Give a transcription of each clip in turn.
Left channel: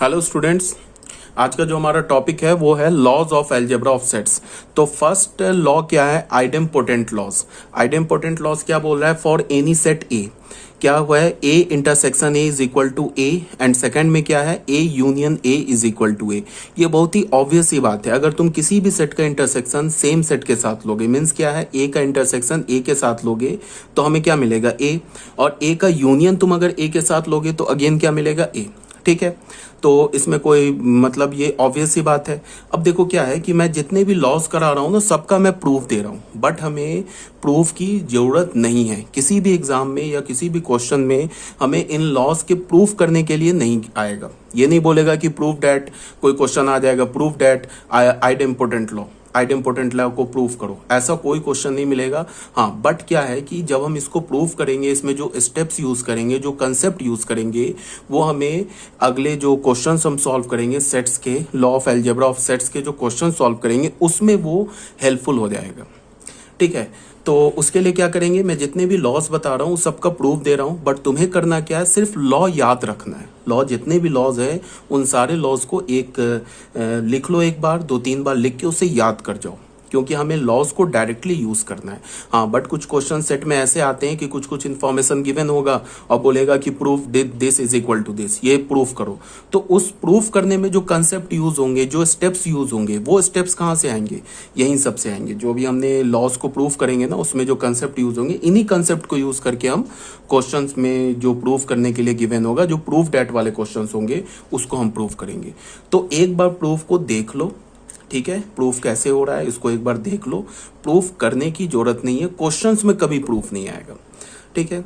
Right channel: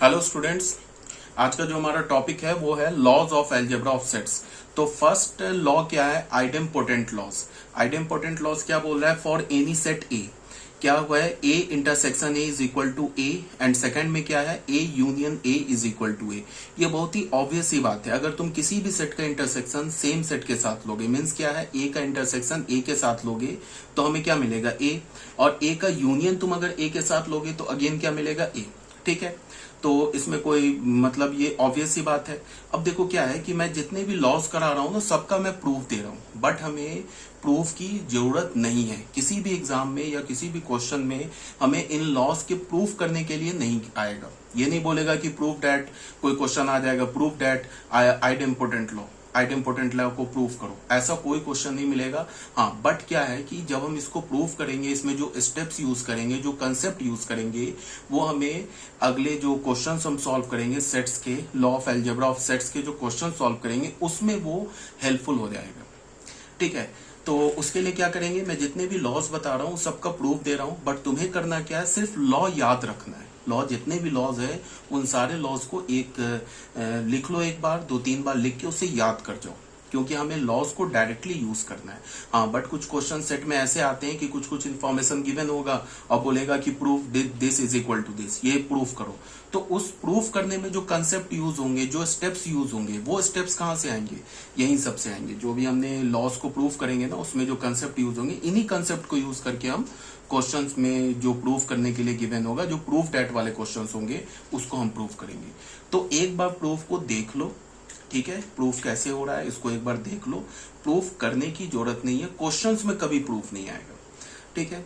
Hello students, आज का जो हमारा टॉपिक है वो है laws of algebra of sets. तो फर्स्ट लॉ क्या है? Idempotent laws. आइडेम्पोटेंट लॉज क्या बोल रहा है? फॉर एनी सेट ए क्या हुआ है? A intersection A is equal to A, and second में क्या है? A union A is equal to A. ये बहुत ही ऑब्वियस सी बात है। अगर तुम किसी भी सेट का इंटरसेक्शन सेम सेट के साथ लोगे, मीन्स क्या है? ए का इंटरसेक्शन ए के साथ लोगे तो हमें क्या मिलेगा? ए। और ए का यूनियन तुम अगर ए के साथ लोगे तो अगेन क्या मिलेगा? ए। ठीक है, तो इसमें कोई मतलब ये ऑब्वियस सी बात है। अब देखो क्या है कि मैं जितने भी लॉस करा रहा हूं ना, सबका मैं प्रूफ दे रहा हूं, बट हमें प्रूफ की जरूरत नहीं है। किसी भी एग्जाम में या किसी भी क्वेश्चन में हमें इन लॉस के प्रूफ करने के लिए नहीं आएगा। ये नहीं बोलेगा कि प्रूफ डैट, कोई क्वेश्चन आ जाएगा proof that idempotent law, idempotent law को प्रूफ करो, ऐसा कोई क्वेश्चन नहीं मिलेगा। हाँ, बट क्या है कि जब हम इसको प्रूफ करेंगे, इसमें जो स्टेप्स यूज करेंगे, जो कंसेप्ट यूज करेंगे, वो हमें अगले जो क्वेश्चंस हम सॉल्व करेंगे सेट्स के, law of algebra of sets के जो क्वेश्चन सॉल्व करेंगे, उसमें वो हेल्पफुल हो जाएगा। ठीक है, तो उसके लिए क्या करेंगे? मैं जितने भी लॉज बता रहा हूं सबका प्रूफ दे रहा हूं, बट तुम्हें करना क्या है? सिर्फ लॉ याद रखना है। लॉ, जितने भी लॉज है उन सारे लॉज को लिख लो, एक बार 2-3 बार लिख के उसे याद कर जाओ, क्योंकि हमें लॉज को डायरेक्टली यूज करना है। हाँ, बट कुछ क्वेश्चन सेट में ऐसे आते हैं कि कुछ कुछ इन्फॉर्मेशन गिवन होगा और बोलेगा कि proof this is equal to this, ये प्रूफ करो। तो उस प्रूफ करने में जो कंसेप्ट यूज होंगे, जो स्टेप्स यूज होंगे, वो स्टेप्स कहाँ से आएंगे? यहीं सब से आएंगे। जो भी हमने लॉज को प्रूफ करेंगे ना, उसमें जो कंसेप्ट यूज होंगे, इन्हीं कंसेप्ट को यूज करके हम क्वेश्चंस में जो प्रूफ करने के लिए गिवन होगा, जो प्रूफ डेट वाले क्वेश्चंस होंगे, उसको हम प्रूफ करेंगे। तो एक बार प्रूफ को देख लो। ठीक है, प्रूफ कैसे हो रहा है इसको एक बार देख लो। प्रूफ करने की जरूरत नहीं है, क्वेश्चंस में कभी प्रूफ नहीं आएगा। ठीक है,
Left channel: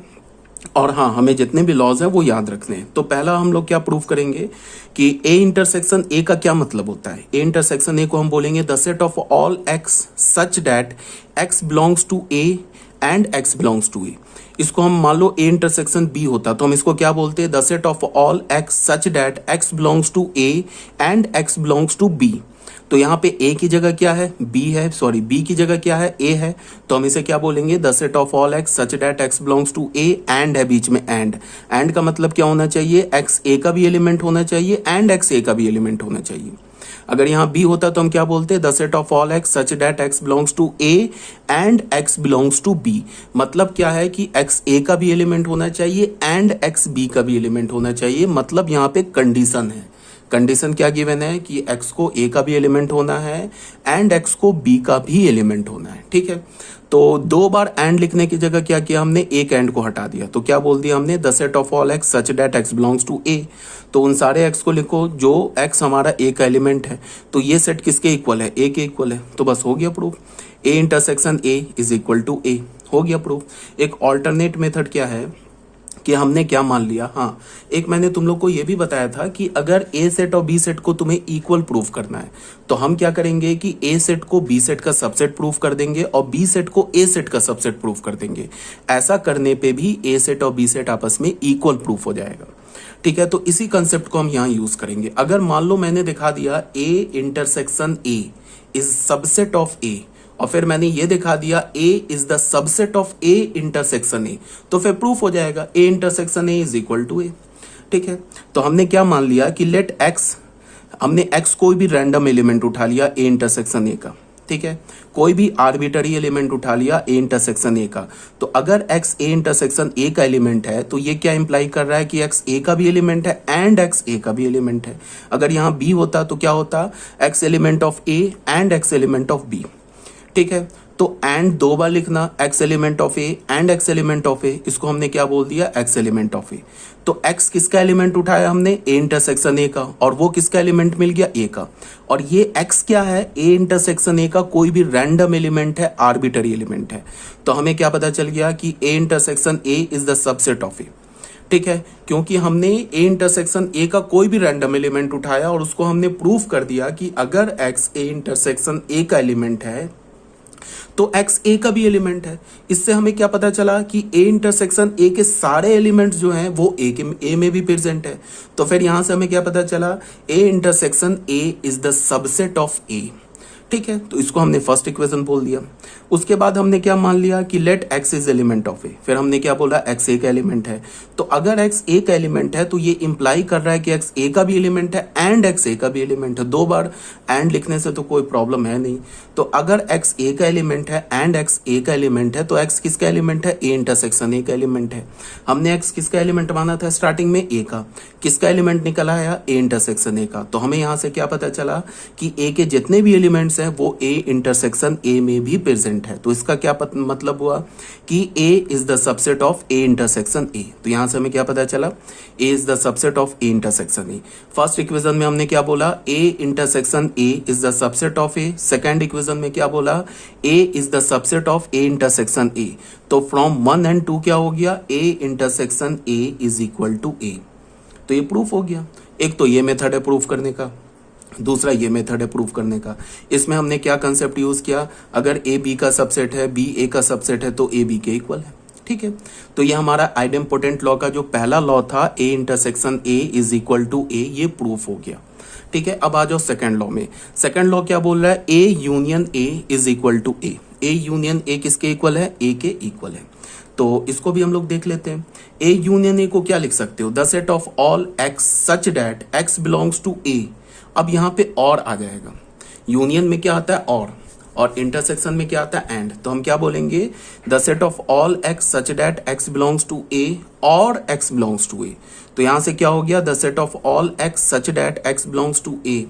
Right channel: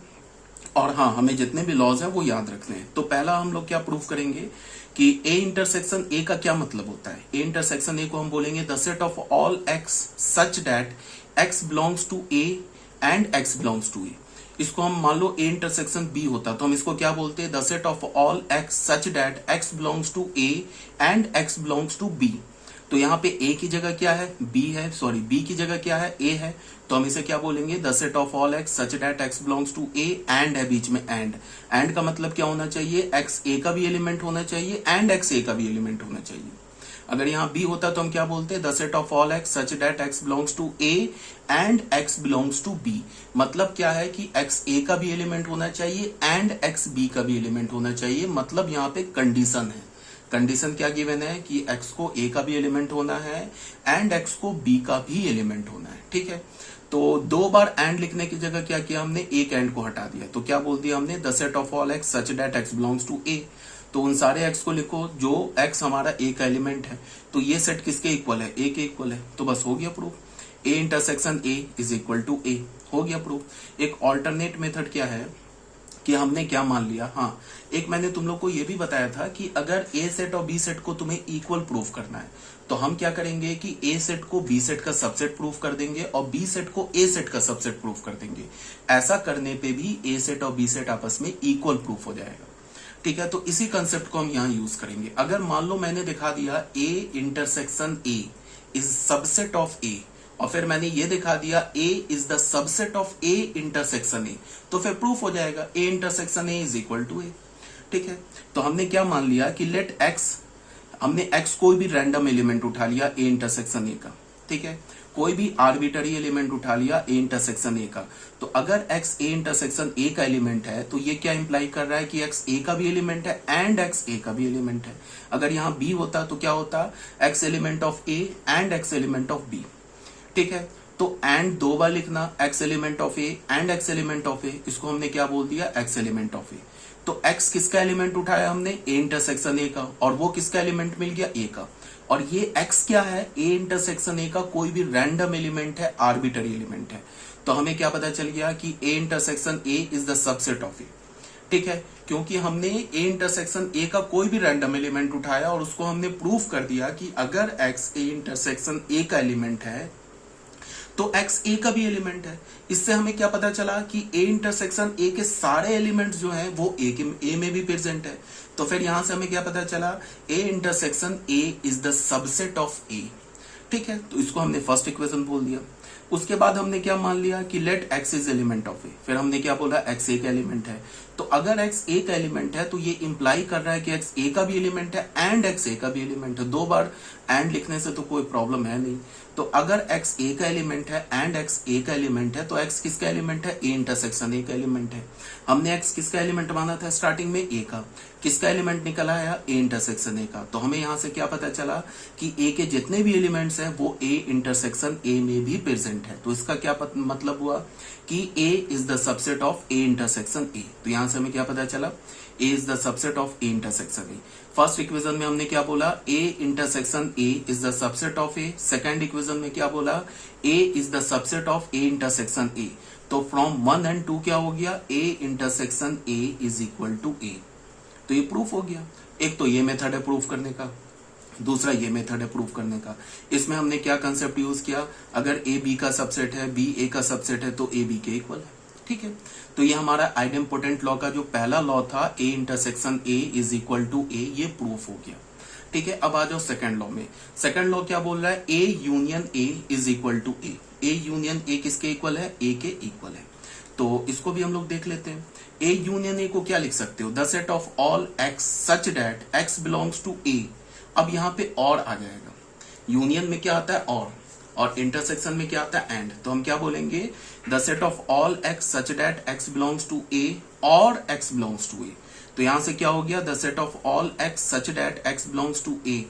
और हाँ, हमें जितने भी लॉज हैं वो याद रखने हैं। तो पहला हम लोग क्या प्रूफ करेंगे कि ए इंटरसेक्शन ए का क्या मतलब होता है? ए इंटरसेक्शन ए को हम बोलेंगे the set of all x such that x belongs to A and x belongs to A. इसको हम मान लो ए इंटरसेक्शन बी होता तो हम इसको क्या बोलते हैं? The set of all x such that x belongs to A and x belongs to b. तो यहाँ पे ए की जगह क्या है? बी है, सॉरी, बी की जगह क्या है? ए है। तो हम इसे क्या बोलेंगे? The set of all x such that x belongs to A, and है बीच में एंड। एंड का मतलब क्या होना चाहिए? एक्स ए का भी एलिमेंट होना चाहिए एंड एक्स ए का भी एलिमेंट होना चाहिए। अगर यहाँ बी होता तो हम क्या बोलते? The set of all x such that x belongs to A and x belongs to b. मतलब क्या है कि एक्स ए का भी एलिमेंट होना चाहिए एंड एक्स बी का भी एलिमेंट होना चाहिए। मतलब यहाँ पे कंडीशन है। कंडीशन क्या गिवन है कि x को a का भी एलिमेंट होना है एंड x को b का भी एलिमेंट होना है। ठीक है, तो 2 बार एंड लिखने की जगह क्या किया हमने? एक एंड को हटा दिया। तो क्या बोल दिया हमने? The set of all x such that x belongs to a। तो उन सारे x को लिखो जो x हमारा a का एलिमेंट है। तो ये सेट किसके इक्वल है? a के इक्वल है। तो बस हो गया proof. a intersection a is equal to a, हो गया प्रूफ। एक ऑल्टरनेट मेथड क्या है कि हमने क्या मान लिया? हाँ, एक मैंने तुम लोग को यह भी बताया था कि अगर ए सेट और बी सेट को तुम्हें इक्वल प्रूफ करना है तो हम क्या करेंगे कि ए सेट को बी सेट का सबसेट प्रूफ कर देंगे और बी सेट को ए सेट का सबसेट प्रूफ कर देंगे। ऐसा करने पे भी ए सेट और बी सेट आपस में इक्वल प्रूफ हो जाएगा। ठीक है, तो इसी कंसेप्ट को हम यहां यूज करेंगे। अगर मान लो मैंने दिखा दिया A intersection A is subset of A, और फिर मैंने ये दिखा दिया A is the subset of A intersection A, तो फिर प्रूफ हो जाएगा A intersection A is equal to A। ठीक है, तो हमने क्या मान लिया कि लेट X, हमने X कोई भी रैंडम एलिमेंट उठा लिया A इंटरसेक्शन A का। ठीक है, कोई भी आर्बिटरी एलिमेंट उठा लिया A इंटरसेक्शन A का। तो अगर X A इंटरसेक्शन A का एलिमेंट है तो ये क्या इंप्लाई कर रहा है कि X A का भी एलिमेंट है एंड X A का भी एलिमेंट है। अगर यहाँ B होता तो क्या होता? X element of A and X element of B। ठीक है, तो एंड 2 बार लिखना, x element of A and x element of A, इसको हमने क्या बोल दिया? x element of A. तो x किसका एलिमेंट उठाया हमने? a इंटरसेक्शन a का, और वो किसका एलिमेंट मिल गया? a का। और ये x क्या है? a इंटरसेक्शन a का कोई भी रैंडम एलिमेंट है, आर्बिटरी एलिमेंट है। तो हमें क्या पता चल गया कि a intersection a is the subset of a। ठीक है, क्योंकि हमने a इंटरसेक्शन a का कोई भी रैंडम एलिमेंट उठाया और उसको हमने प्रूफ कर दिया कि अगर x a इंटरसेक्शन a का एलिमेंट है तो x a का भी एलिमेंट है। इससे हमें क्या पता चला कि a इंटरसेक्शन a के सारे एलिमेंट्स जो हैं वो a में भी प्रेजेंट है। तो फिर यहां से हमें क्या पता चला? a intersection a is the subset of a। ठीक है, तो इसको हमने फर्स्ट इक्वेशन बोल दिया। उसके बाद हमने क्या मान लिया कि let x is element of A, फिर हमने क्या बोला एक्स ए का एलिमेंट है। तो अगर एक्स ए का एलिमेंट है तो ये इंप्लाई कर रहा है कि एक्स ए का भी एलिमेंट है एंड एक्स ए का भी एलिमेंट है। दो बार एंड लिखने से तो कोई प्रॉब्लम है नहीं। तो अगर एक्स ए का एलिमेंट है एंड एक्स ए का एलिमेंट है तो एक्स किसका एलिमेंट है, ए इंटरसेक्शन ए का एलिमेंट है। हमने एक्स किसका एलिमेंट माना था स्टार्टिंग में, ए का, किसका एलिमेंट निकला है, ए इंटरसेक्शन ए का। तो हमें यहां से क्या पता चला कि ए के जितने भी एलिमेंट्स हैं वो ए इंटरसेक्शन ए में भी प्रेजेंट है। तो इसका क्या मतलब हुआ कि A is the subset of A intersection A. तो यहां से हमें क्या पता चला, A is the subset of A intersection A. First equation में हमने क्या बोला, A intersection A is the subset of A. Second equation में क्या बोला, A is the subset of A intersection A. तो फ्रॉम 1 एंड 2 क्या हो गया, ए intersection A is equal to A. तो ये प्रूफ हो गया। एक तो ये मेथड है प्रूफ करने का, दूसरा ये मेथड है प्रूफ करने का। इसमें हमने क्या कंसेप्ट यूज किया, अगर ए बी का सबसेट है, बी ए का सबसेट है तो ए बी के इक्वल है। ठीक है, तो ये हमारा आइडेम्पोटेंट लॉ का जो पहला लॉ था, A intersection A is equal to A, ये प्रूफ हो गया। ठीक है, अब आ जाओ सेकंड लॉ में। सेकंड लॉ क्या बोल रहा है, A union A is equal to A. A union A किसके इक्वल है, ए के इक्वल है। तो इसको भी हम लोग देख लेते हैं। ए यूनियन ए को क्या लिख सकते हो, the set of all x such that x belongs to A. अब यहां पे और आ जाएगा, यूनियन में क्या आता है और इंटरसेक्शन में क्या आता है एंड। तो हम क्या बोलेंगे, the set of all x such that x belongs to A और एक्स बिलोंग्स टू ए। तो यहां से क्या हो गया, the set of all x such that x belongs to A.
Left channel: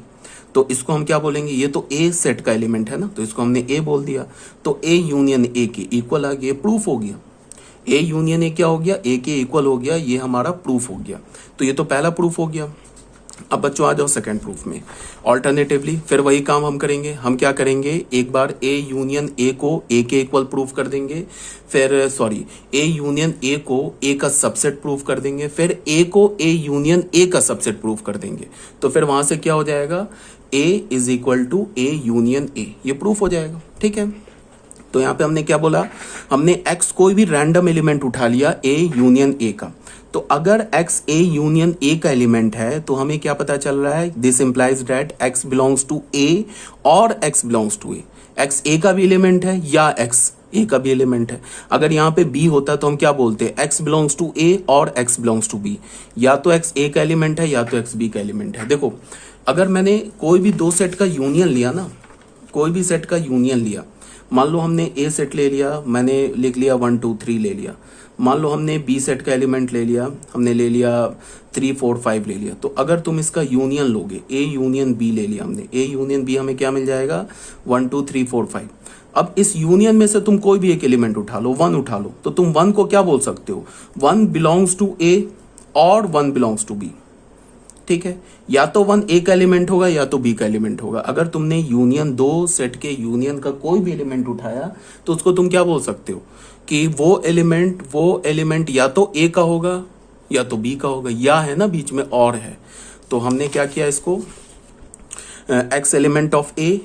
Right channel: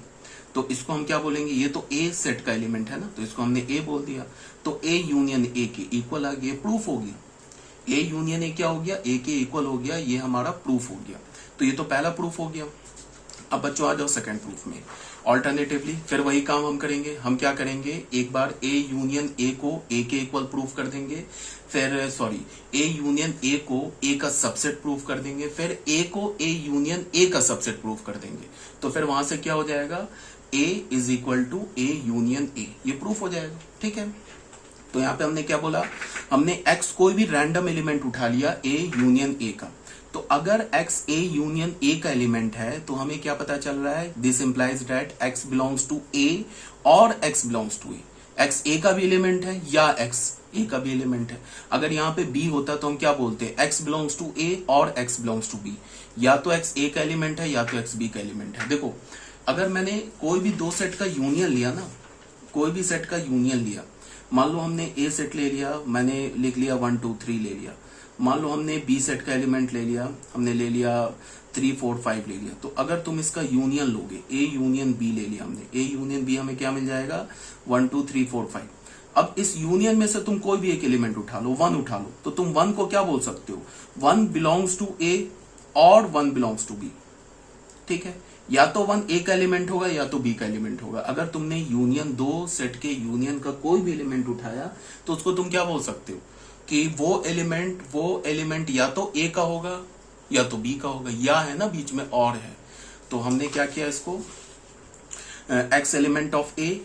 तो इसको हम क्या बोलेंगे, ये तो ए सेट का एलिमेंट है ना, तो इसको हमने ए बोल दिया। तो ए यूनियन ए के इक्वल आ गया, प्रूफ हो गया। ए यूनियन ए क्या हो गया, ए के इक्वल हो गया, ये हमारा प्रूफ हो गया। तो ये तो पहला प्रूफ हो गया। अब बच्चों आ जाओ सेकंड प्रूफ में। ऑल्टरनेटिवली फिर वही काम हम करेंगे। हम क्या करेंगे, एक बार ए यूनियन ए को ए के इक्वल प्रूफ कर देंगे, फिर ए यूनियन ए को ए का सबसेट प्रूफ कर देंगे, फिर ए को ए यूनियन ए का सबसेट प्रूफ कर देंगे। तो फिर वहां से क्या हो जाएगा, A is equal to A union A, ये प्रूफ हो जाएगा। ठीक है, तो यहां पे हमने क्या बोला, हमने एक्स कोई भी रैंडम एलिमेंट उठा लिया ए यूनियन ए का। तो अगर एक्स ए यूनियन ए का एलिमेंट है तो हमें क्या पता चल रहा है, this implies that x belongs to A और x belongs to A. X ए का भी एलिमेंट है या एक्स ए का भी एलिमेंट है। अगर यहाँ पे बी होता तो हम क्या बोलते हैं, एक्स बिलोंग्स टू ए और एक्स बिलोंग्स टू बी। या तो एक्स ए का एलिमेंट है या तो एक्स बी का एलिमेंट है। देखो, अगर मैंने कोई भी दो सेट का यूनियन लिया ना, कोई भी सेट का यूनियन लिया, मान लो हमने ए सेट ले लिया, मैंने लिख लिया 1 2 3 ले लिया। मान लो हमने बी सेट का एलिमेंट ले लिया, हमने ले लिया 3 4 5 ले लिया। तो अगर तुम इसका यूनियन लोगे, ए यूनियन बी ले लिया हमने, ए यूनियन बी, हमें क्या मिल जाएगा 1 2 3 4 5। अब इस यूनियन में से तुम कोई भी एक एलिमेंट उठा लो, 1 उठा लो, तो तुम 1 को क्या बोल सकते हो, 1 बिलोंग्स टू ए और 1 बिलोंग्स टू बी। ठीक है, या तो 1 ए का एलिमेंट होगा या तो बी का एलिमेंट होगा। अगर तुमने यूनियन, दो सेट के यूनियन का कोई भी एलिमेंट उठाया तो उसको तुम क्या बोल सकते हो कि वो एलिमेंट या तो ए का होगा या तो बी का होगा, या है ना बीच में और है। तो हमने क्या किया, इसको एक्स एलिमेंट ऑफ ए,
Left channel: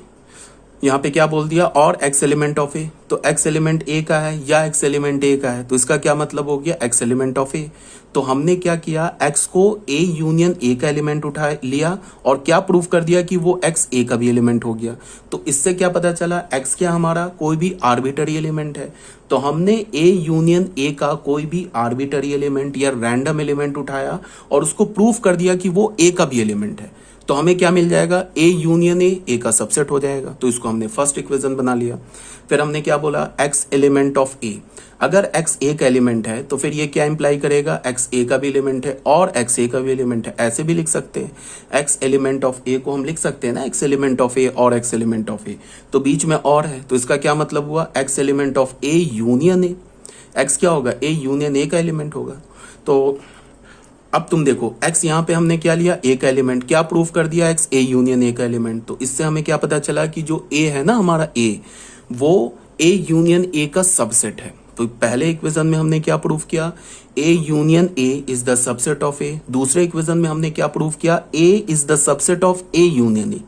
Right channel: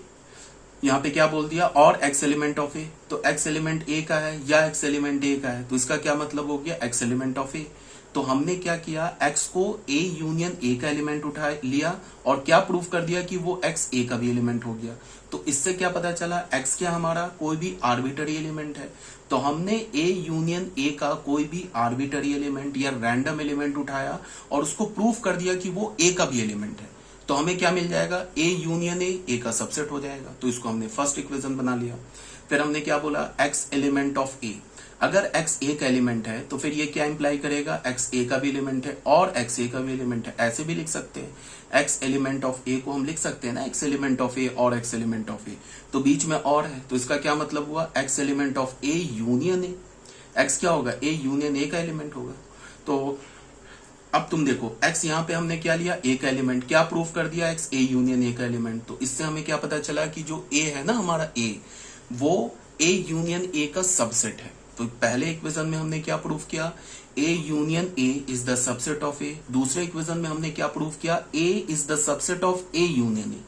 यहां पे क्या बोल दिया, और एक्स एलिमेंट ऑफ ए। तो एक्स एलिमेंट ए का है या एक्स एलिमेंट ए का है, तो इसका क्या मतलब हो गया, एक्स एलिमेंट ऑफ ए। तो हमने क्या किया, एक्स को ए यूनियन ए का एलिमेंट उठा लिया और क्या प्रूफ कर दिया कि वो एक्स ए का भी एलिमेंट हो गया। तो इससे क्या पता चला, एक्स क्या हमारा कोई भी आर्बिटरी एलिमेंट है। तो हमने ए यूनियन ए का कोई भी आर्बिटरी एलिमेंट या रैंडम एलिमेंट उठाया और उसको प्रूफ कर दिया कि वो ए का भी एलिमेंट है। तो हमें क्या मिल जाएगा, ए यूनियन ए का सबसेट हो जाएगा। तो इसको हमने फर्स्ट इक्वेशन बना लिया। फिर हमने क्या बोला, एक्स एलिमेंट ऑफ ए। अगर एक्स ए का एलिमेंट है तो फिर ये क्या इंप्लाई करेगा, एक्स ए का भी एलिमेंट है और एक्स ए का भी एलिमेंट है। ऐसे भी लिख सकते हैं, एक्स एलिमेंट ऑफ ए को हम लिख सकते हैं ना, एक्स एलिमेंट ऑफ ए और एक्स एलिमेंट ऑफ ए। तो बीच में और है, तो इसका क्या मतलब हुआ, x element of A union A. X क्या होगा, ए यूनियन ए का एलिमेंट होगा। तो अब तुम देखो, एक्स यहां पे हमने क्या लिया, ए का एलिमेंट, क्या प्रूफ कर दिया, एक्स ए यूनियन ए का एलिमेंट। तो इससे हमें क्या पता चला कि जो ए है ना हमारा ए, वो ए यूनियन ए का सबसेट है। तो पहले इक्वेशन में हमने क्या प्रूफ किया, A union A is the subset of A. दूसरे इक्वेशन में हमने क्या प्रूफ किया, A is the subset of A union A.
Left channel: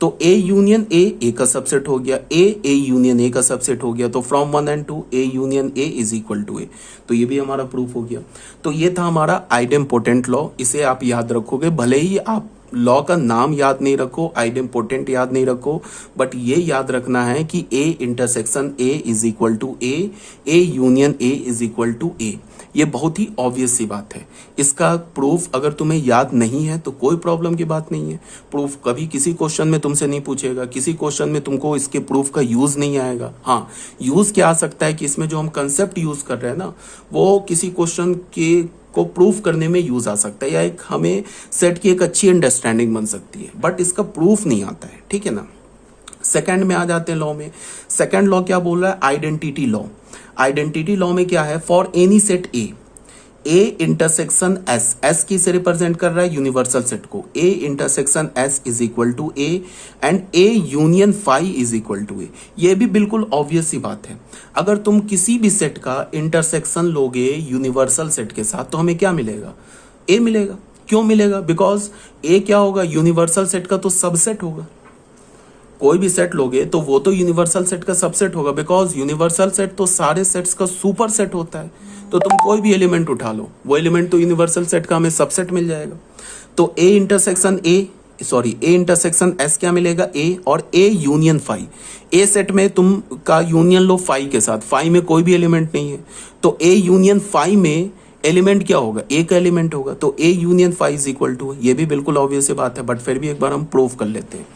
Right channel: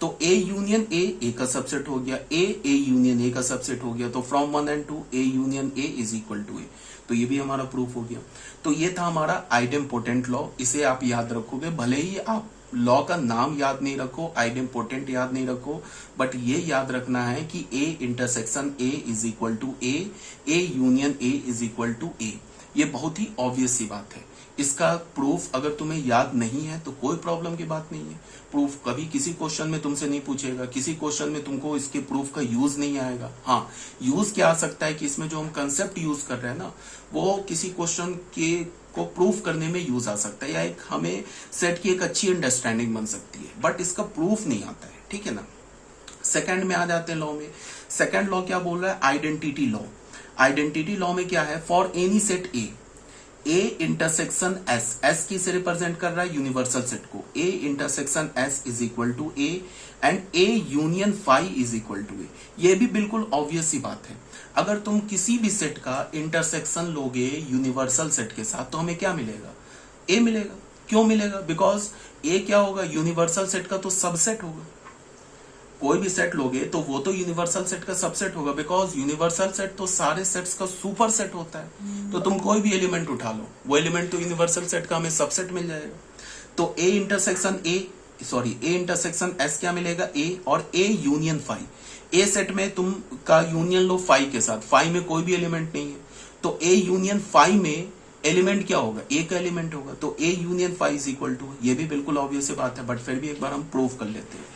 तो ए यूनियन ए का सबसेट हो गया, ए यूनियन ए का सबसेट हो गया। तो from 1 and 2 A union A is equal to A. तो ये भी हमारा प्रूफ हो गया। तो ये था हमारा आइडेम्पोटेंट लॉ, इसे आप याद रखोगे। भले ही आप लॉ का नाम याद नहीं रखो, आइडेम्पोटेंट याद नहीं रखो, बट ये याद रखना है कि A intersection A is equal to A union A is equal to A. ये बहुत ही ऑब्वियस सी बात है। इसका प्रूफ अगर तुम्हें याद नहीं है तो कोई प्रॉब्लम की बात नहीं है। प्रूफ कभी किसी क्वेश्चन में तुमसे नहीं पूछेगा, किसी क्वेश्चन में तुमको इसके प्रूफ का यूज नहीं आएगा। हाँ, यूज क्या आ सकता है कि इसमें जो हम कंसेप्ट यूज कर रहे हैं ना, वो किसी क्वेश्चन के को प्रूफ करने में यूज आ सकता है, या एक हमें सेट की एक अच्छी अंडरस्टैंडिंग बन सकती है, बट इसका प्रूफ नहीं आता है। ठीक है ना। सेकंड में आ जाते हैं लॉ में। सेकंड लॉ क्या बोल रहा है? Identity law. आइडेंटिटी लॉ में क्या है? For any set A intersection S की से रिप्रेजेंट कर रहा है यूनिवर्सल सेट को। A intersection S is equal to A and A union phi is equal to A. ये भी बिल्कुल ऑब्वियस सी बात है। अगर तुम किसी भी सेट का इंटरसेक्शन लोगे यूनिवर्सल सेट के साथ तो हमें क्या मिलेगा? ए मिलेगा। क्यों मिलेगा? बिकॉज ए क्या होगा? यूनिवर्सल सेट का तो सबसेट होगा। कोई भी सेट लोगे तो वो तो यूनिवर्सल सेट का सबसेट होगा, बिकॉज यूनिवर्सल सेट तो सारे सेट्स का सुपर सेट होता है। तो तुम कोई भी एलिमेंट उठा लो, वो एलिमेंट तो यूनिवर्सल सेट का हमें सबसेट मिल जाएगा। तो ए इंटरसेक्शन एस क्या मिलेगा? ए और a union phi. A set में तुम का यूनियन लो फाई के साथ, फाई में कोई भी एलिमेंट नहीं है, तो ए यूनियन फाई में एलिमेंट क्या होगा? ए का एलिमेंट होगा। तो ए union phi is equal to, ये भी बिल्कुल ऑब्वियस बात है, बट फिर भी एक बार हम प्रूव कर लेते हैं।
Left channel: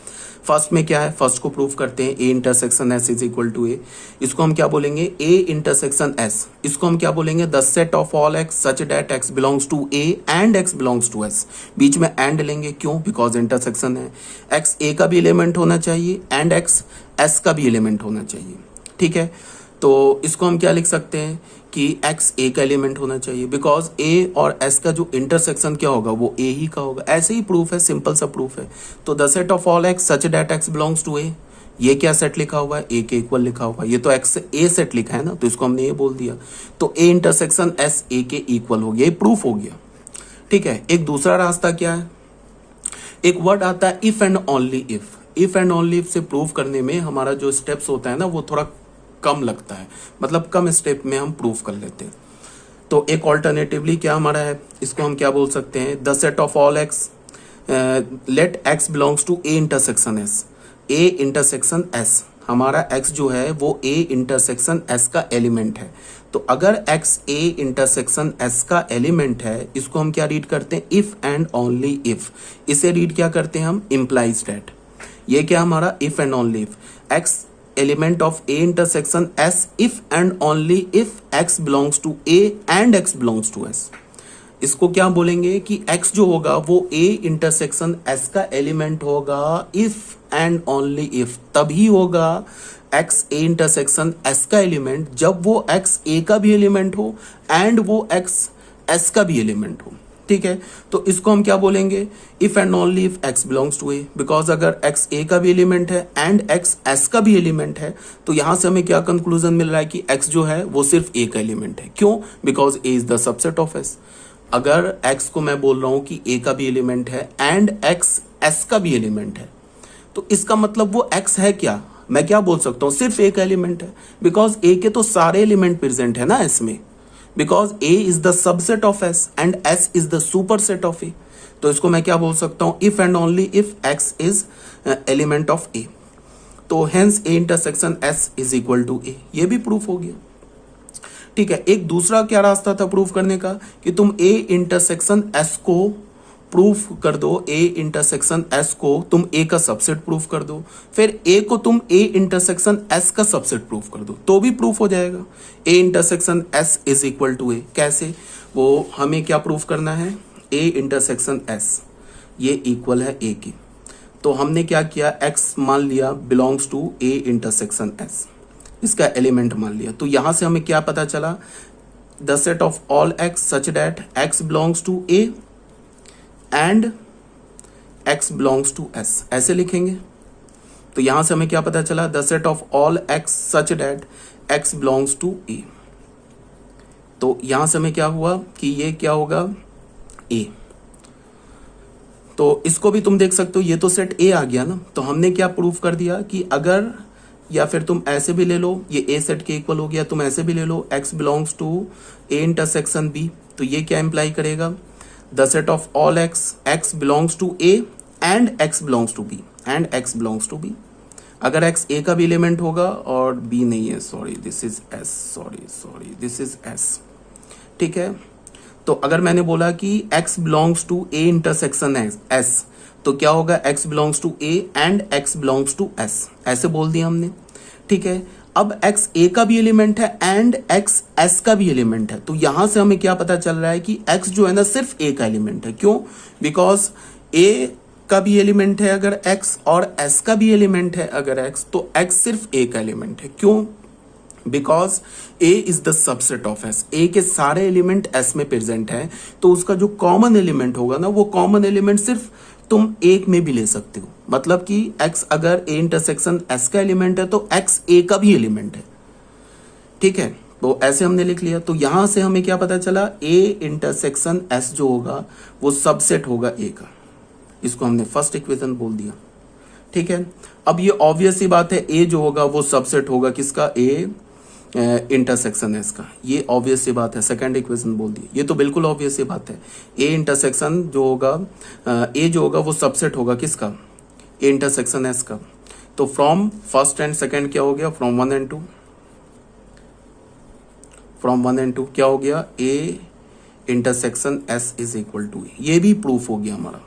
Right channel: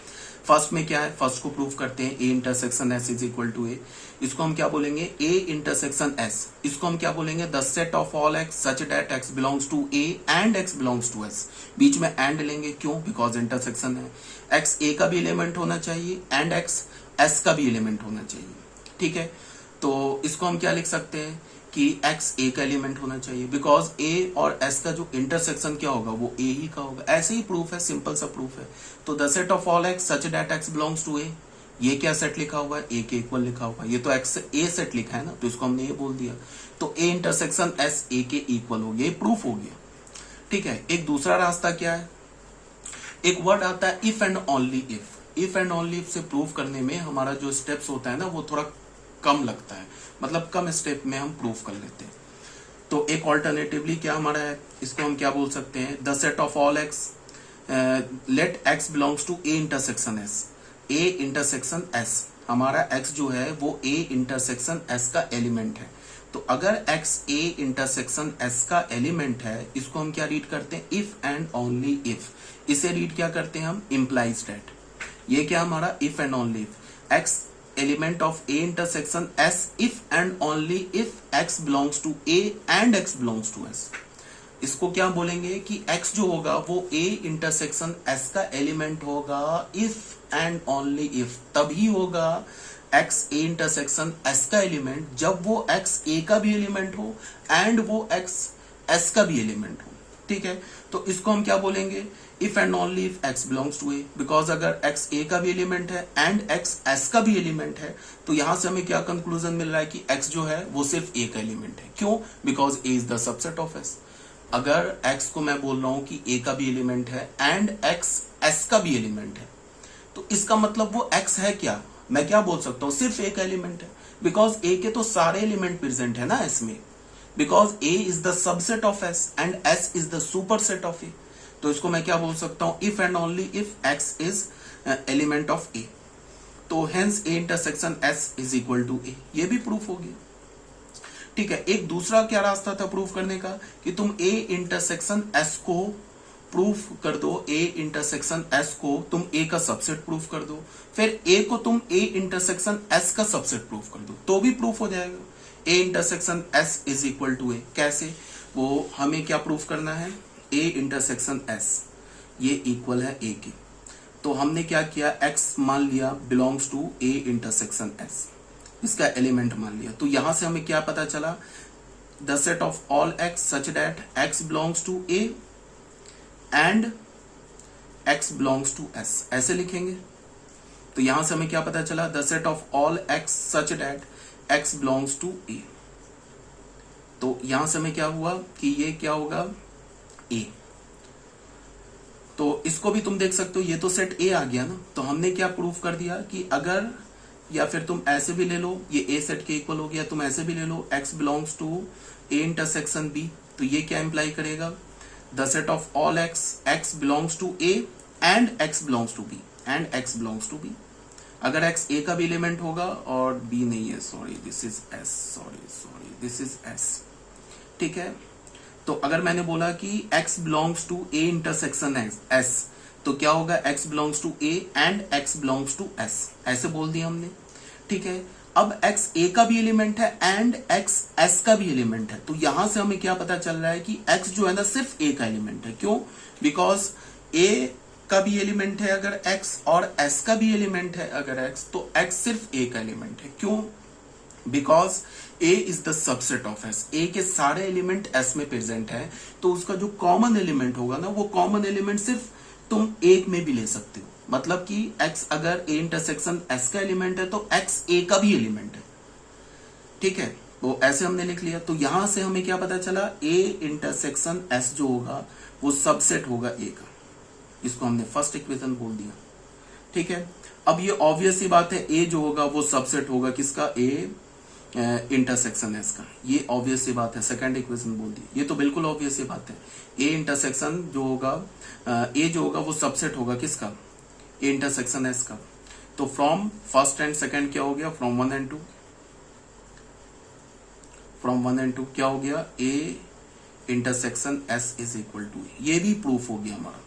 फर्स्ट में क्या है? फर्स्ट को प्रूव करते हैं। A intersection S is equal to A. इसको हम क्या बोलेंगे? A intersection S. इसको हम क्या बोलेंगे? The set of all x such that x belongs to A and x belongs to S. बीच में एंड लेंगे, क्यों? बिकॉज इंटरसेक्शन है। एक्स ए का भी एलिमेंट होना चाहिए एंड एक्स एस का भी एलिमेंट होना चाहिए। ठीक है, तो इसको हम क्या लिख सकते हैं कि एक्स ए का एलिमेंट होना चाहिए, बिकॉज ए और एस का जो इंटरसेक्शन क्या होगा? वो ए ही का होगा। ऐसे ही प्रूफ है, सिंपल सा प्रूफ है। तो the set of all x such that x belongs to A, ये क्या सेट लिखा हुआ है? ए के इक्वल लिखा हुआ है। ये तो एक्स ए सेट लिखा है ना, तो इसको हमने ये बोल दिया। तो ए इंटरसेक्शन एस ए के इक्वल हो गया, ये प्रूफ हो गया। ठीक है, एक दूसरा रास्ता क्या है? एक वर्ड आता है if and only if. If and only if से प्रूव करने में हमारा जो स्टेप्स होता है ना, वो थोड़ा कम लगता है, मतलब कम स्टेप में हम प्रूव कर लेते हैं। तो एक ऑल्टरनेटिवली क्या हमारा है? इसको हम क्या बोल सकते हैं? The set of all x let x belongs to A intersection s. A intersection s, हमारा एक्स जो है वो ए इंटरसेक्शन एस का एलिमेंट है। तो अगर एक्स ए इंटरसेक्शन एस का एलिमेंट है, इसको हम क्या रीड करते हैं? If and only if. इसे रीड क्या करते हैं हम? Implies that. ये क्या हमारा? If and only if x element of A intersection S if and only if x belongs to A and x belongs to s. इसको क्या बोलेंगे कि एक्स जो होगा वो ए इंटरसेक्शन एस का एलिमेंट होगा इफ एंड ओनली इफ, तभी होगा एक्स ए इंटरसेक्शन एस का एलिमेंट जब वो एक्स ए का भी एलिमेंट हो एंड वो एक्स एस का भी एलिमेंट हो। ठीक है, तो इसको हम क्या बोलेंगे? If and only if x belongs to a, because अगर एक्स ए का भी एलिमेंट है एंड एक्स एस का भी एलिमेंट है, तो यहां से हमें क्या कंक्लूजन मिल रहा है कि एक्स जो है वो सिर्फ ए का एलिमेंट है। क्यों? Because A is the subset of S. अगर एक्स को मैं बोल रहा हूं कि ए का भी एलिमेंट है एंड एक्स एस का भी एलिमेंट है, तो इसका मतलब वो एक्स है क्या? मैं क्या बोल सकता हूं? सिर्फ ए का एलिमेंट है, बिकॉज ए के तो सारे एलिमेंट प्रेजेंट है ना एस में, because A is the subset of S and S is the superset of A. तो इसको मैं क्या बोल सकता हूं? If and only if x is element of A. तो hence A intersection S is equal to A, ये भी प्रूफ हो गया। ठीक है, एक दूसरा क्या रास्ता था प्रूफ करने का कि तुम ए इंटरसेक्शन एस को प्रूफ कर दो। ए इंटरसेक्शन एस को तुम ए का सबसेट प्रूफ कर दो, फिर ए को तुम ए इंटरसेक्शन एस का सबसेट प्रूफ कर दो, तो भी प्रूफ हो जाएगा। A intersection S is equal to A, कैसे? वो हमें क्या प्रूफ करना है? ए इंटरसेक्शन एस ये इक्वल है ए की। तो हमने क्या किया? एक्स मान लिया belongs to A intersection S, इसका एलिमेंट मान लिया। तो यहां से हमें क्या पता चला? The set of all x such that x belongs to A and x belongs to S, ऐसे लिखेंगे। तो यहां से हमें क्या पता चला? The set of all x such that x belongs to A. तो यहां से हमें क्या हुआ कि ये क्या होगा? ए। तो इसको भी तुम देख सकते हो, ये तो सेट ए आ गया ना। तो हमने क्या प्रूफ कर दिया कि अगर, या फिर तुम ऐसे भी ले लो, ये ए सेट के इक्वल हो गया। तुम ऐसे भी ले लो x belongs to A intersection B, तो ये क्या इंप्लाई करेगा? The set of all x x belongs to A and x belongs to B, and x belongs to B. अगर एक्स ए का भी एलिमेंट होगा और बी नहीं है, sorry this is S, sorry this is S, ठीक है। तो अगर मैंने बोला कि x belongs to A intersection S, तो क्या होगा, x belongs to A and x belongs to S, ऐसे बोल दिया हमने, ठीक है। अब x a का भी एलिमेंट है एंड x s का भी एलिमेंट है, तो यहां से हमें क्या पता चल रहा है कि x जो है ना सिर्फ a का एलिमेंट है। क्यों? बिकॉज a का भी एलिमेंट है अगर x और s का भी एलिमेंट है अगर x, तो x सिर्फ a का एलिमेंट है। क्यों? Because a is the subset of s, a के सारे एलिमेंट s में प्रेजेंट है, तो उसका जो कॉमन एलिमेंट होगा ना, वो कॉमन एलिमेंट सिर्फ तुम एक में भी ले सकते हो। मतलब कि x अगर a इंटरसेक्शन s का एलिमेंट है तो x a का भी एलिमेंट है, ठीक है। तो ऐसे हमने लिख लिया। तो यहां से हमें क्या पता चला, a इंटरसेक्शन s जो होगा वो सबसेट होगा a का, इसको हमने फर्स्ट इक्वेशन बोल दिया, ठीक है। अब ये ऑब्वियस सी बात है, a जो होगा वो सबसेट होगा किसका, a इंटरसेक्शन एस का, ये ऑब्वियस सी बात है, सेकंड इक्वेशन बोल दी, ये तो बिल्कुल ऑब्वियस सी बात है। ए इंटरसेक्शन जो होगा, ए जो होगा वो सबसेट होगा किसका, ए इंटरसेक्शन एस का। तो फ्रॉम फर्स्ट एंड सेकंड क्या हो गया, फ्रॉम 1 एंड 2, फ्रॉम 1 एंड 2 क्या हो गया, ए intersection S is equal to, ये भी प्रूफ हो गया हमारा।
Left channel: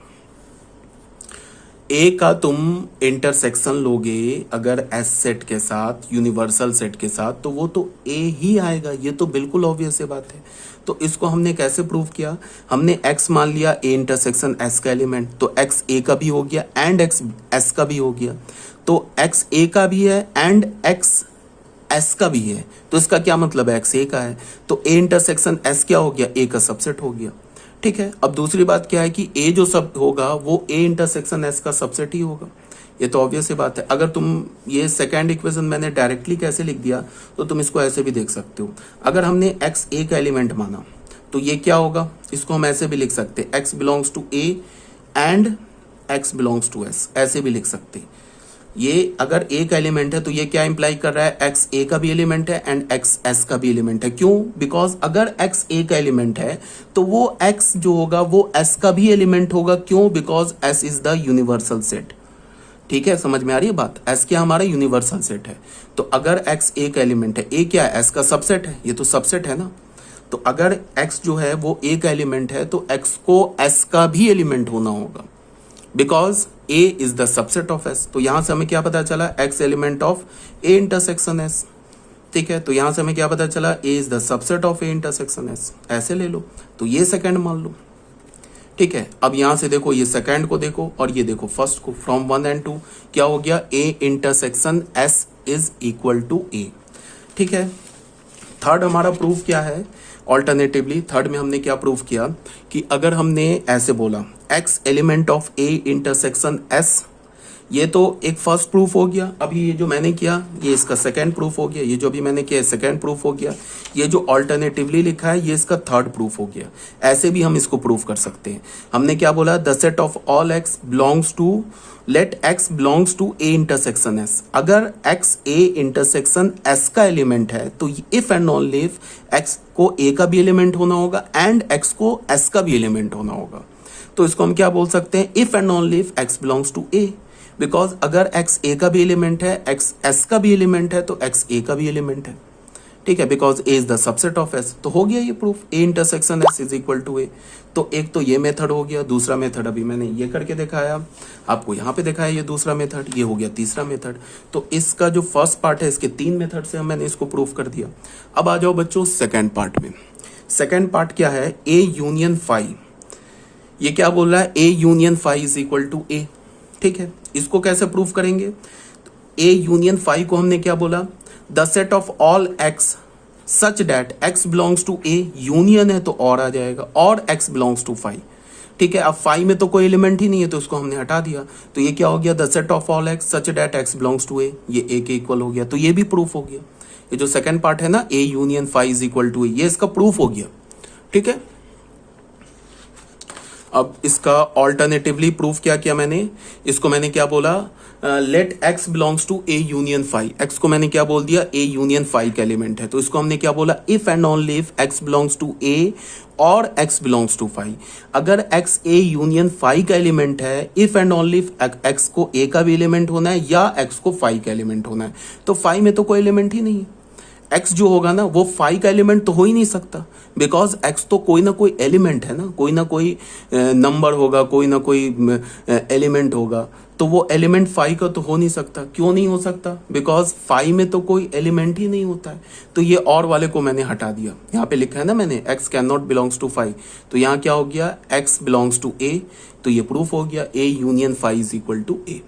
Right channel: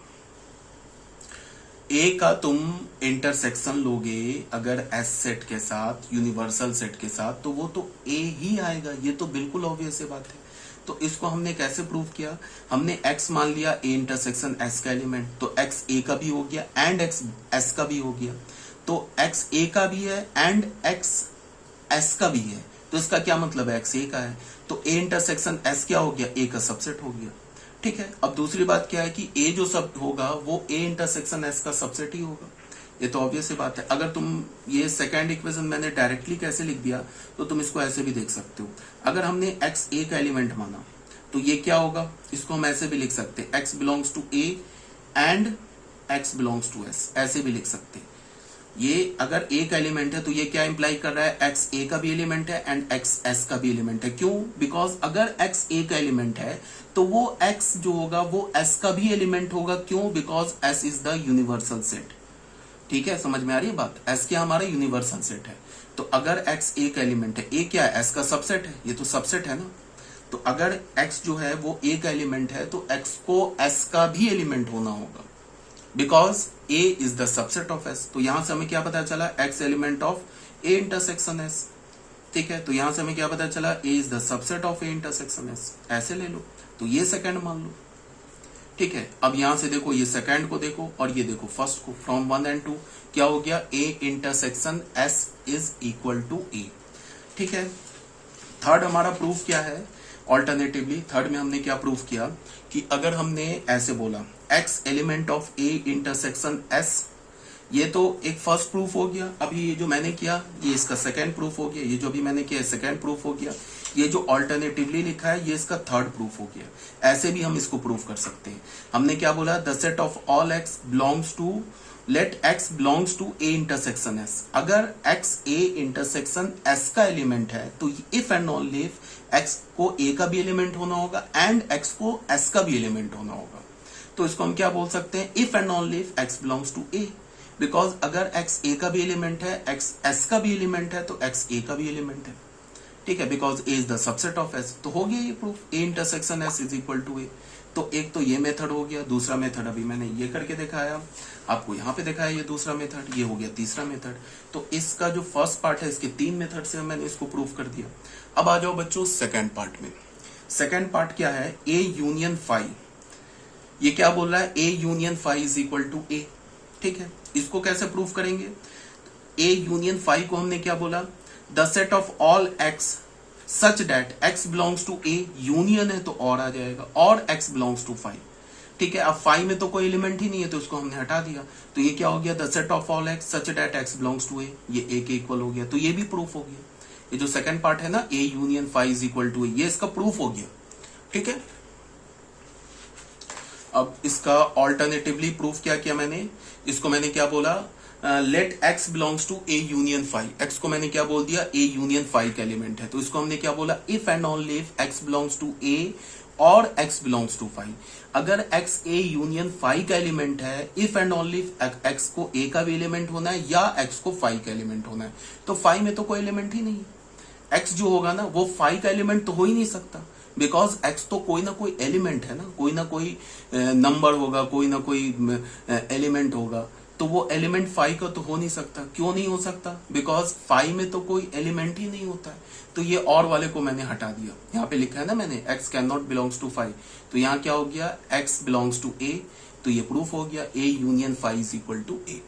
ए का तुम इंटरसेक्शन लोगे अगर एस सेट के साथ, यूनिवर्सल सेट के साथ, तो वो तो ए ही आएगा, ये तो बिल्कुल ऑब्वियस बात है। तो इसको हमने कैसे प्रूव किया, हमने x मान लिया ए इंटरसेक्शन एस का एलिमेंट, तो x ए का भी हो गया एंड x एस का भी हो गया, तो x ए का भी है एंड x एस का भी है, तो इसका क्या मतलब है, x ए का है, तो ए इंटरसेक्शन एस क्या हो गया, ए का सबसेट हो गया, ठीक है। अब दूसरी बात क्या है कि a जो सब होगा वो a इंटरसेक्शन s का सबसेट ही होगा, ये तो ऑब्वियस सी बात है। अगर तुम ये सेकंड इक्वेशन मैंने डायरेक्टली कैसे लिख दिया, तो तुम इसको ऐसे भी देख सकते हो। अगर हमने x a का एलिमेंट माना तो ये क्या होगा, इसको हम ऐसे भी लिख सकते हैं, x belongs to a and x belongs to s, ऐसे भी लिख सकते हैं। ये अगर a का एलिमेंट है तो ये क्या इंप्लाई कर रहा है, x a का भी एलिमेंट है एंड x s का भी एलिमेंट है। क्यों? बिकॉज अगर x a का एलिमेंट है तो वो x जो होगा वो s का भी एलिमेंट होगा। क्यों? Because s is the universal set, ठीक है, समझ में आ रही है बात, s क्या हमारा यूनिवर्सल सेट है। तो अगर x a का एलिमेंट है, a क्या है, s का सबसेट है, ये तो सबसेट है ना, तो अगर x जो है वो a का एलिमेंट है तो x को s का भी एलिमेंट होना होगा, because a is the subset of s। तो यहां से हमें क्या पता चला, x element of a intersection s, ठीक है। तो यहां से हमें क्या पता चला, a is the subset of a intersection s, ऐसे ले लो, तो ये सेकंड मान लो, ठीक है। अब यहां से देखो, ये सेकंड को देखो और ये देखो फर्स्ट को, फ्रॉम 1 एंड 2 क्या हो गया, a intersection s is equal to a, ठीक है। थर्ड हमारा प्रूफ क्या है, ऑल्टरनेटिवली थर्ड में हमने क्या प्रूफ किया कि अगर हमने ऐसे बोला x element of a intersection s, ये तो एक फर्स्ट प्रूफ हो गया। अभी ये जो मैंने किया ये इसका सेकंड प्रूफ हो गया, ये जो भी मैंने किया सेकंड प्रूफ हो गया, ये जो ऑल्टरनेटिवली लिखा है ये इसका थर्ड प्रूफ हो गया। ऐसे भी हम इसको प्रूफ कर सकते हैं। हमने क्या बोला, the set of all x belongs to, let x belongs to a intersection s। अगर x a इंटरसेक्शन s का एलिमेंट है तो if and only if x को a का भी एलिमेंट होना होगा एंड x को s का भी एलिमेंट होना होगा। तो इसको हम क्या बोल सकते हैं, if and only if x belongs to a, because अगर x a का भी एलिमेंट है, x s का भी एलिमेंट है, तो x a का भी एलिमेंट है, ठीक है, because a is the subset of s। तो हो गया ये proof, a intersection s is equal to a। तो एक तो ये मेथड हो गया, दूसरा मेथड अभी मैंने ये करके दिखाया, आपको यहाँ पे दिखाया ये दूसरा मेथड, ये हो गया तीसरा मेथड। तो इसका जो फर्स्ट पार्ट है इसके 3 मेथड से मैंने इसको प्रूफ कर दिया। अब आ जाओ बच्चों सेकेंड पार्ट में। सेकेंड पार्ट क्या है, a यूनियन फाई। ये क्या बोल रहा है, a union phi is equal to a, ठीक है। इसको कैसे प्रूफ करेंगे, a यूनियन फाई को हमने क्या बोला, the set of all x such that x belongs to a, union है तो और आ जाएगा, और x बिलोंग्स टू फाई, ठीक है। अब फाई में तो कोई एलिमेंट ही नहीं है तो उसको हमने हटा दिया, तो ये क्या हो गया, the set of all x such that x belongs to a, ये a के इक्वल हो गया। तो ये भी प्रूफ हो गया, ये जो सेकंड पार्ट है ना, a union phi is equal to a, ये इसका प्रूफ हो गया, ठीक है। अब इसका ऑल्टरनेटिवली प्रूफ क्या किया मैंने, इसको मैंने क्या बोला, let x belongs to A union phi. X को मैंने क्या बोल दिया, ए यूनियन फाई का एलिमेंट है, तो इसको हमने क्या बोला, if and only if x belongs to A और एक्स बिलोंग्स टू फाई। अगर एक्स ए यूनियन फाई का एलिमेंट है, if and only if x को ए का भी एलिमेंट होना है या एक्स को फाई का एलिमेंट होना है, तो फाई में तो कोई एलिमेंट ही नहीं है। एक्स जो होगा ना वो फाई का एलिमेंट तो हो ही नहीं सकता, बिकॉज एक्स तो कोई ना कोई एलिमेंट है ना कोई नंबर होगा, कोई ना कोई एलिमेंट होगा, तो वो एलिमेंट फाई का तो हो नहीं सकता। क्यों नहीं हो सकता, बिकॉज फाई में तो कोई एलिमेंट ही नहीं होता है। तो ये और वाले को मैंने हटा दिया, यहाँ पे लिखा है ना मैंने x can not belongs to phi, तो यहाँ क्या हो गया, एक्स बिलोंग्स टू ए, तो ये प्रूफ हो गया a union phi is equal to A.